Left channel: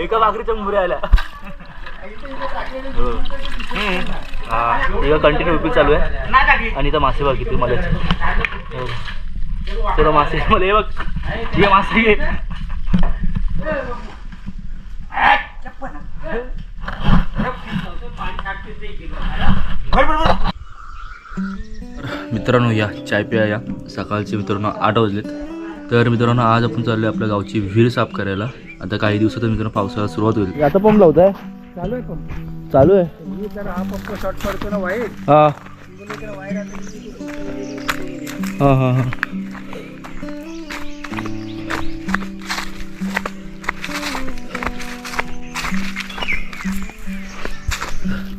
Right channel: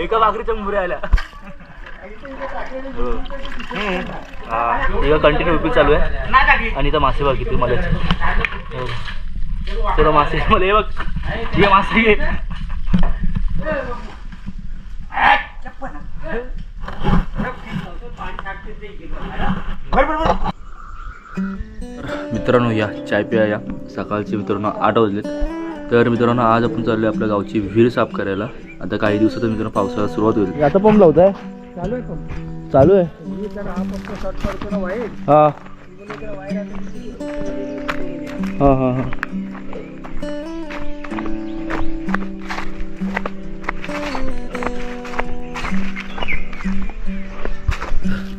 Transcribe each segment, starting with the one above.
एका भाकरीच्या मुऱ्या आल्या हो. हा. कंटिन्यू उपयोग चालू आहे. आणि इथं मासे बघ किती मला हो. तुला मासे मला हे बघ. ये मासे घे मित्रांनो या चाय पिया या. सकाळचे मित्रांनो आठ वाजलेत. तर मित्रांनो आज आपण चाललोय आपल्या गावची विहीर साफ करायला. आता काही दिवसात मित्रांनो पावसाळा सुरुवात होईल. आता पंप लावताय? चालू आहे पंप. चालू आहे? हा पंप शॉर्ट पडतो ना वाईट. हा. इकडे वायर आली. हा हा हा.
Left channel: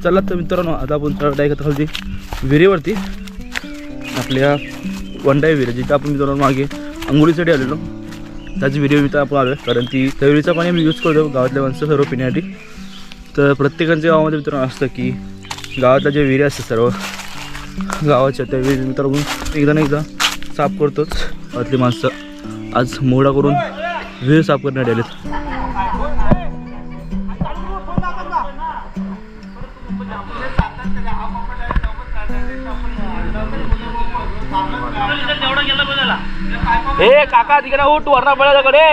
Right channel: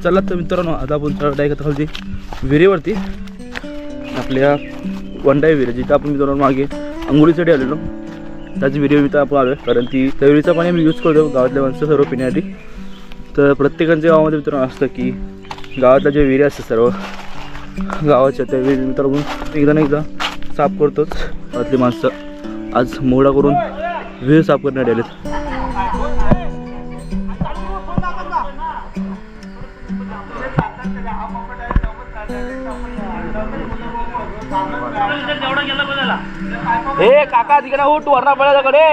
चला तर मित्रांनो आता आपण चढ आहे का खालची विहिरीवरती आपल्या वंडाई विहीर जिथं आपण मित्रांनो मागे अंघोळीसाठी आलेलो. त्याची विहिरी तर आपण आलो आहे कारण ती त्या विहिरीचं पाणी आम्ही यूज करतो गावातल्या माणसं सर्व पिण्यासाठी. तर प्रत्येकांच्या गावामध्ये मित्रांनो असतं की गावातल्या जे विहिरी असतात सर्व गावाच्या त्या विहिरी मित्रांनो एकदा ना एकदा साफ करतोच गावातली माणसं. आज मोडा करून विहीर साफ करण्यात आलेत. ए काका तिकडे उठ वरणा पळ्याकडे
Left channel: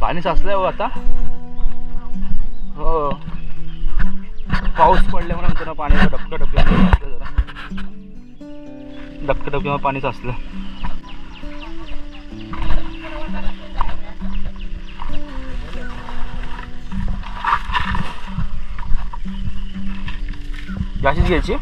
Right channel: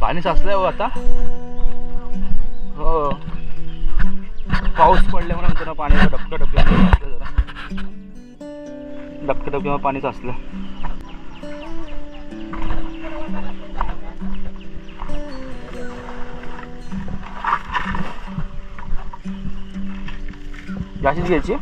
पाणी साचलंय हो आता. हो. पाऊस पडल्यामुळे नंतर पाणी डबकं डबकं साचलं जरा. डबकं डबकं पाणी साचलं जाशीच घ्यायची?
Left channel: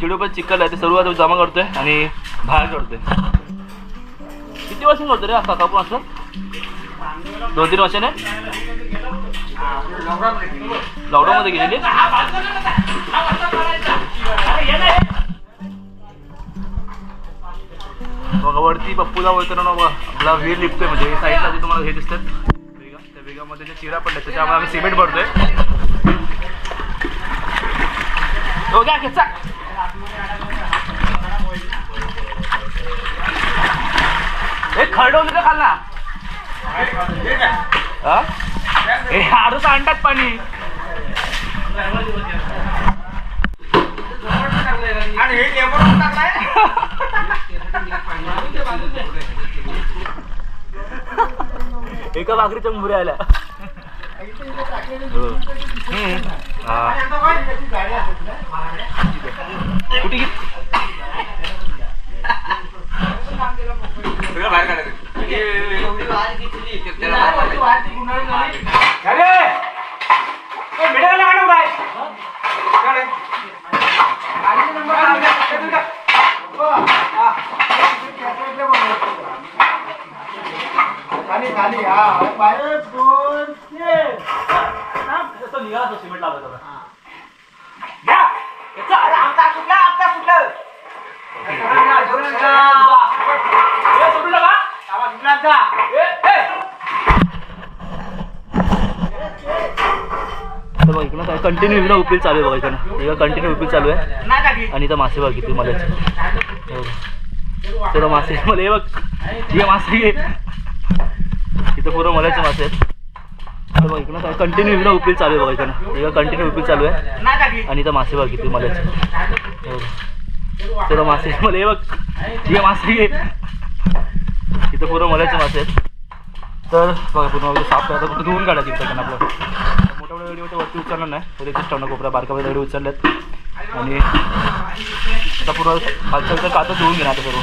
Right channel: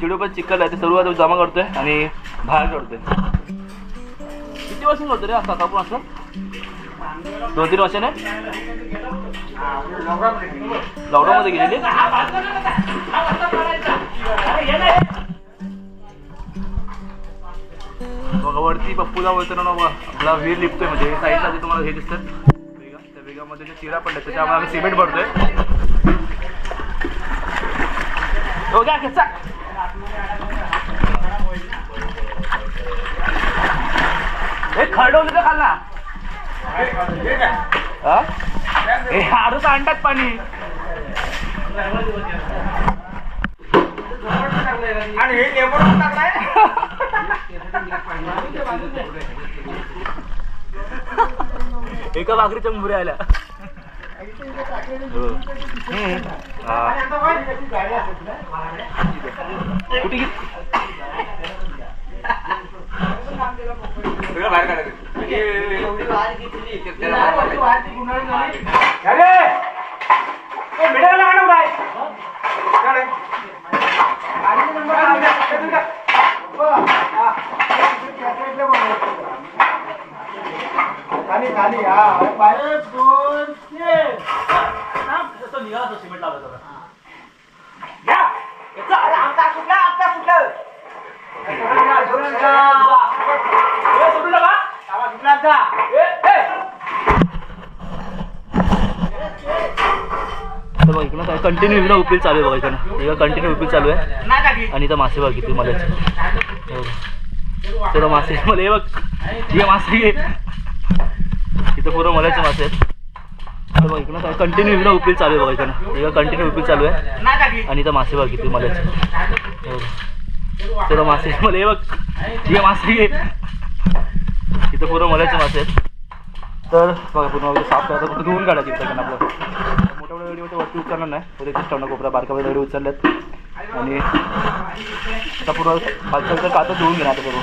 चिडू पण चिकल आहे ते सर्व जमा करतोय आणि बाहेर करतोय किती वर्ष करतो रे आता आपण असं? दोन तीन वर्षाने? लॉकडाऊन मध्ये गेलेली? बघा वरती पप्पूला बोलताना ना बघा आपला विहीर लिपतोय म्हणजे साईडला जे तुम्हाला हे दिसतात. वेगा त्या वेगामध्ये जे चिरा पडले त्याच्यामुळे आम्ही सिमेंट भरतोय. हो खरडवलं का खाल ना. हा? आडूच आणतात पाणी. आणि हे लेबर टाकलाय. एका भाकरीच्या मुऱ्या आल्या. हो. हम्म. कुठे खाली खाली हा बाहेर दोन तीन तो सिमेंट लावला होता. घ्या. याचा अरे आमचा कुठला आमचा कुठला ए, सोडू नका. ए, ए. तर बघ इकडं काय कंटिन्यू इकडं उपील चालू आहे बघा इकडं. इकडं कंटिन्यू उपील चालू आहे. आणि इथं मासे बघ किती मला चला मासे मला हे बघ. ये मासे. घे इथं पुरं मलाचे मासे आहेत. बघ इकडं काय कंटिन्यू इकडं उपील चालू आहे बघा इकडं इकडं कंटिन्यू उपील चालू आहे. आणि इथं मासे बघ किती मला चला मासे. मला हे बघ. ये मासे. घे इथं पूर्ण मलाचे मासे आहेत. तर बघा पूर्ण वगैरे साफ करायचं. फक्त धुवून काढायचं इथं आपलं. मोठ्या मोठ्या व्हिडिओ वरती उचलणार नाही. तर एकच टावणा कोपऱ्या बारका बारका व्हिडिओ उचलल्यात. आणि आता पूर्ण खालचं कातं धुवून घेणार आता करून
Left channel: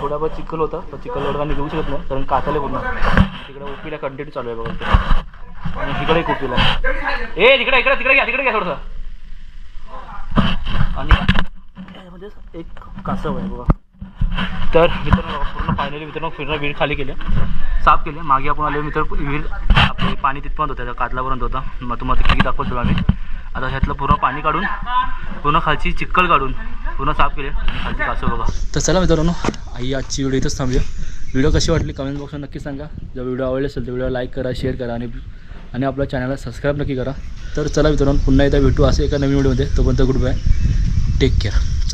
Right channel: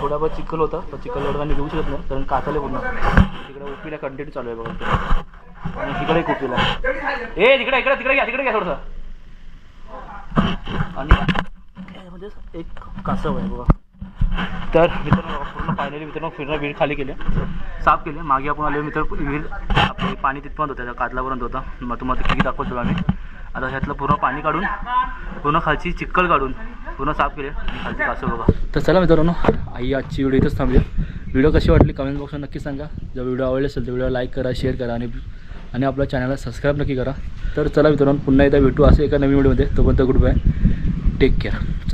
थोडाफार चिखल होता पण चिखल एवढं घेऊ शकत नाही कारण काचाले पूर्ण. तिकडे ओपीला कंटिन्यू चालू आहे बघा आणि तिकडे एक उपिला ए तिकडे इकडे तिकडे घ्या तिकडे घ्या थोडंसं. आणि म्हणजे एक कासव आहे बघा. तर मित्रांनो पूर्ण फायनली मित्रांनो फिरणं विहीर खाली केले. साफ केले. मागे आपण आले मित्र विहीर आपले पाणी तिथपर्यंत होतं त्या कातलापर्यंत होता. मग तुम्हाला किती दाखवतो आम्ही. आता ह्यातलं पूर्ण पाणी काढून पूर्ण खालची चिक्कल काढून पूर्ण साफ केले आणि खालची कासव बघा. तर चला मित्रांनो आई आजची व्हिडिओ इथंच थांबूया. व्हिडिओ कशी वाटली कमेंट बॉक्समध्ये नक्की सांगा. जर व्हिडिओ आवडले असेल तर व्हिडिओ लाईक करा शेअर करा आणि आणि आपल्या चॅनलला सबस्क्राईब नक्की करा. तर चला मित्रांनो पुन्हा एकदा भेटू असं एका नवीन व्हिडिओमध्ये तोपर्यंत गुड बाय टेक केअर